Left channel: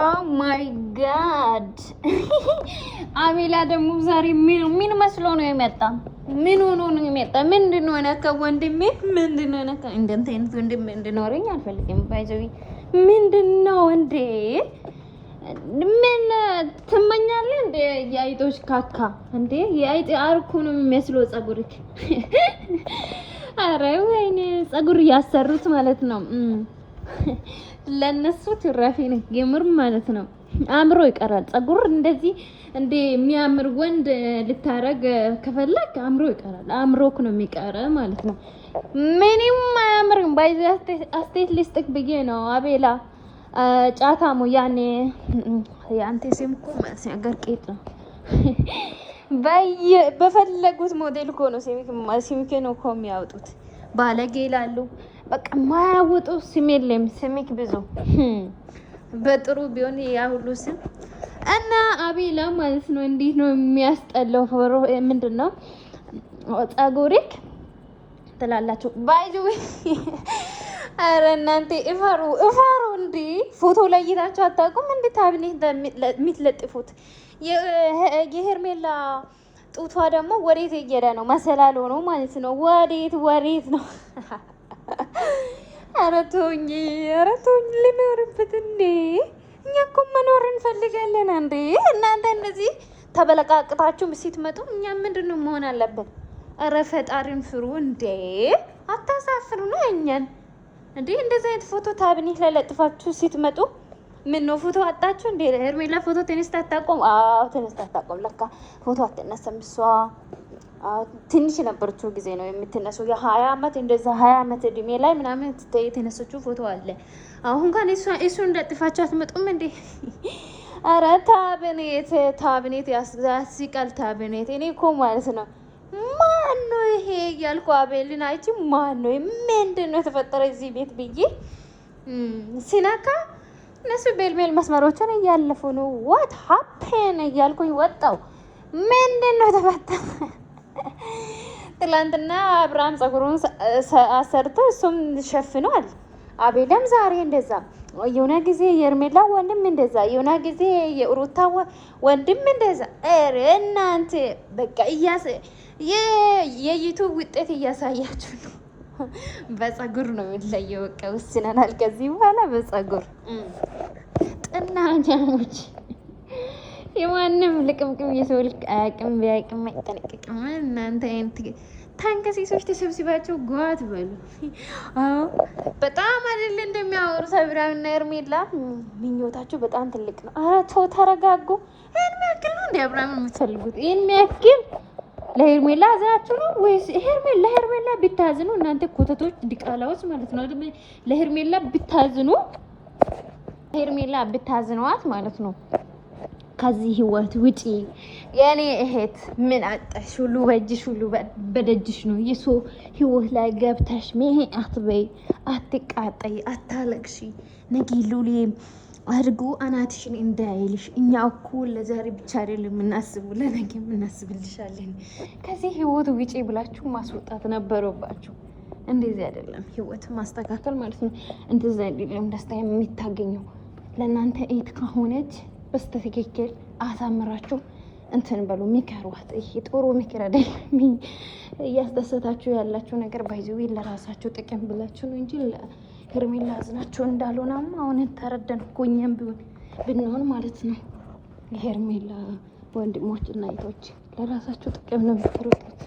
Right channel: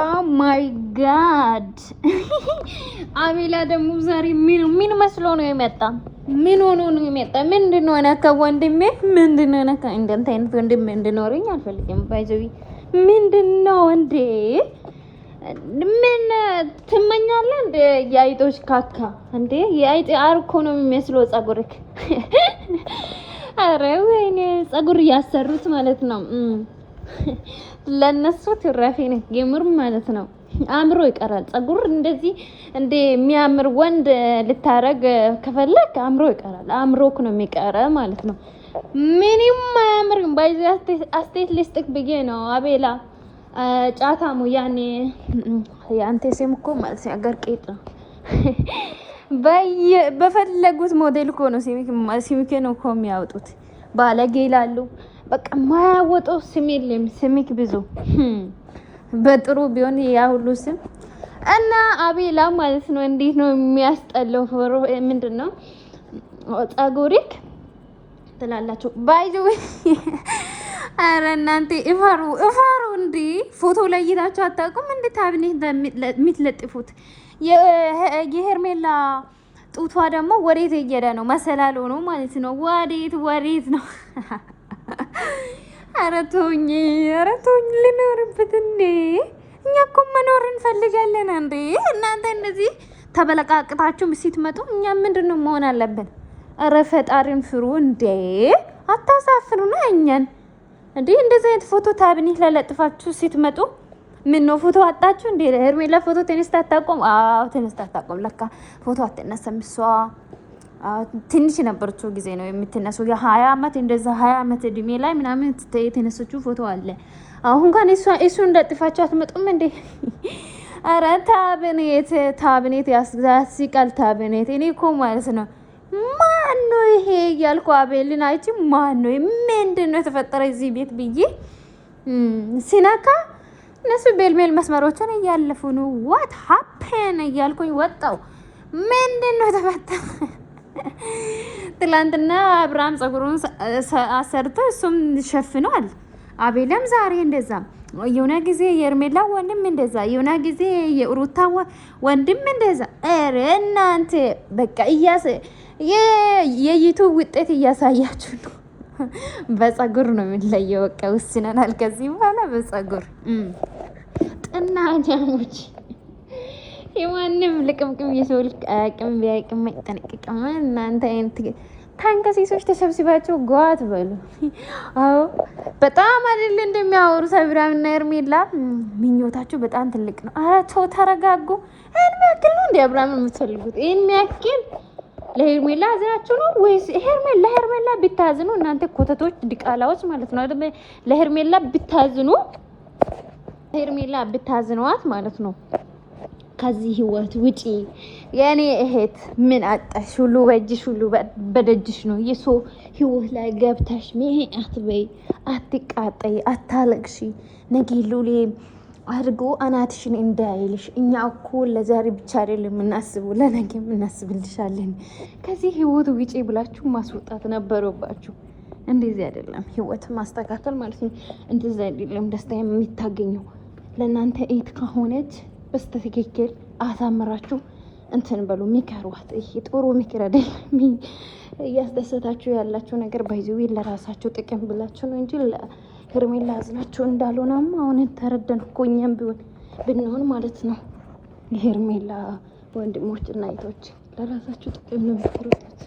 ኦ ማይ ጋድ አቤላ ደግሞ ዛሬ ምን መስሎ ነው የመጣ? ምን ሆኖ ነው የመጣ? ምንድነው ነካ? ወንድሜ ምንድነው ነካ? እንደንተ አይነት ወንድሜ እንድኖረኝ አልፈልግም። ባይዘዊ ምንድነው እንዴ? ምን ትመኛለህ እንዴ? የአይጦች ካካ እንዴ? የአይጥ አርኮ ነው የሚመስለው ጸጉርክ። አረ ወይኔ ጸጉር እያሰሩት ማለት ነው። ለነሱ ትራፊ ነው የምር ማለት ነው። አምሮ ይቀራል ጸጉር እንደዚህ እንደ የሚያምር ወንድ ልታረግ ከፈለክ አምሮ ይቀራል። አምሮክ ነው የሚቀረ ማለት ነው። ምንም አያምርም። ባይዚ አስቴት ልስጥክ ብዬ ነው አቤላ ጫታሙ ያኔ ያንተ ስም እኮ ማለት ነው አገር ቄጥ ነው። በፈለጉት ሞዴል እኮ ነው ሲሚክ ነው እኮ የሚያወጡት። ባለጌ ይላሉ። በቃ ማያወጣው ስም የለም። ስሚክ ብዙ በጥሩ ቢሆን ያ ሁሉ ስም እና አቤላ ማለት ነው። እንዴት ነው የሚያስጠላው? ፎሮ ምንድነው ጸጉሪክ ትላላችሁ ባይዙ። አረ እናንተ እፈሩ እንዴ! ፎቶ ላይ እይታችሁ አታውቁም እንዴ? ታብኔት የምትለጥፉት የሄርሜላ ጡቷ ደግሞ ወዴት እየሄደ ነው? መሰላል ሆኖ ማለት ነው። ወዴት ነው? ኧረ ተውኝ ልኖርበት እንዴ! እኛ እኮ መኖር እንፈልጋለን እንዴ! እናንተ እንደዚህ ተበለቃቅጣችሁ ስትመጡ እኛ ምንድነው መሆን አለብን? ኧረ ፈጣሪን ፍሩ እንዴ! አታሳፍሩና እኛን እንዴ! እንደዚህ አይነት ፎቶ ታብኒት ለለጥፋችሁ ስትመጡ ምን ነው ፎቶ አጣችሁ እንዴ? ሄርሜላ ፎቶ ተነስታ አታውቁም? አዎ ተነስታ አታውቁም። ለካ ፎቶ አትነሳም እሷ። ትንሽ ነበረችው ጊዜ ነው የምትነሱ። የ20 ዓመት እንደዛ 20 ዓመት እድሜ ላይ ምናምን የተነሰችው ፎቶ አለ። አሁን እንኳን እሱ እንደጥፋችሁ አትመጡም እንዴ? አረ ታብኔት ያስቃል። ታብኔት እኔ እኮ ማለት ነው ማን ነው ይሄ እያልኩ አቤልን አይቺ ማን ነው ምንድን ነው የተፈጠረ እዚህ ቤት ብዬ ሲነካ እነሱ ቤልሜል መስመሮችን እያለፉ ነው። ዋት ሀፕን እያልኩኝ ወጣው። ምንድን ነው የተፈጠረ? ትላንትና አብርሃም ጸጉሩን አሰርቶ እሱም ሸፍኗል። አቤላም ዛሬ እንደዛ የሆነ ጊዜ የኤርሜላ ወንድም እንደዛ የሆነ ጊዜ የሩታ ወንድም እንደዛ። ኧረ እናንተ በቃ የዩቱብ ውጤት እያሳያችሁ ነው። በጸጉር ነው የሚለየው። በቃ ውስነናል ከዚህ በኋላ በጸጉር ጥናጃሞች። የማንም ልቅምቅም የሰው ልጅ አቅም ቢያቅም ይጠነቅቅም። እናንተ አይነት ታንከሲሶች ተሰብስባቸው ጓት በሉ። አዎ በጣም አይደል እንደሚያወሩ ሰብራና ኤርሜላ ምኞታቸው በጣም ትልቅ ነው። ኧረ ተው ተረጋጉ። ይሄን ያክል ነው እንዴ አብርሃም የምትፈልጉት? ይሄን ያክል ለሄርሜላ አዝናችሁ ነው ወይስ ለሄርሜላ ብታዝኑ እናንተ ኮተቶች ዲቃላዎች ማለት ነው። ለሄርሜላ ብታዝኗት ማለት ነው። ከዚህ ህይወት ውጪ የኔ እህት ምን አጣሽ? ሁሉ በእጅሽ ሁሉ በደጅሽ ነው። የሰው ህይወት ላይ ገብተሽ ምን አትበይ፣ አትቃጠይ፣ አታለቅሺ። ነገ ሉሌም አድርጎ አናትሽን እንዳይልሽ። እኛ እኮ ለዛሬ ብቻ አይደለም የምናስበው ለነገ የምናስብልሻለን። ከዚህ ህይወት ውጪ ብላችሁ ማስወጣት ነበረባችሁ። እንደዚህ አይደለም ህይወት ማስተካከል ማለት ነው። እንደዚህ አይደለም ደስታ የሚታገኘው። ለእናንተ እህት ከሆነች በስተትክክል አሳምራችሁ እንትን በሉ። ምከሯት። ይሄ ጥሩ ምክር አይደለም። እያስደሰታችሁ ያላችሁ ነገር ባይዘው ለራሳችሁ ጥቅም ብላችሁ ነው እንጂ ሄርሜላ አዝናችሁ እንዳልሆነም አሁን ተረደን እኮ እኛም ብንሆን ማለት ነው። የሄርሜላ ወንድሞች እና እህቶች ለራሳችሁ ጥቅም ነው የምትሮጡት።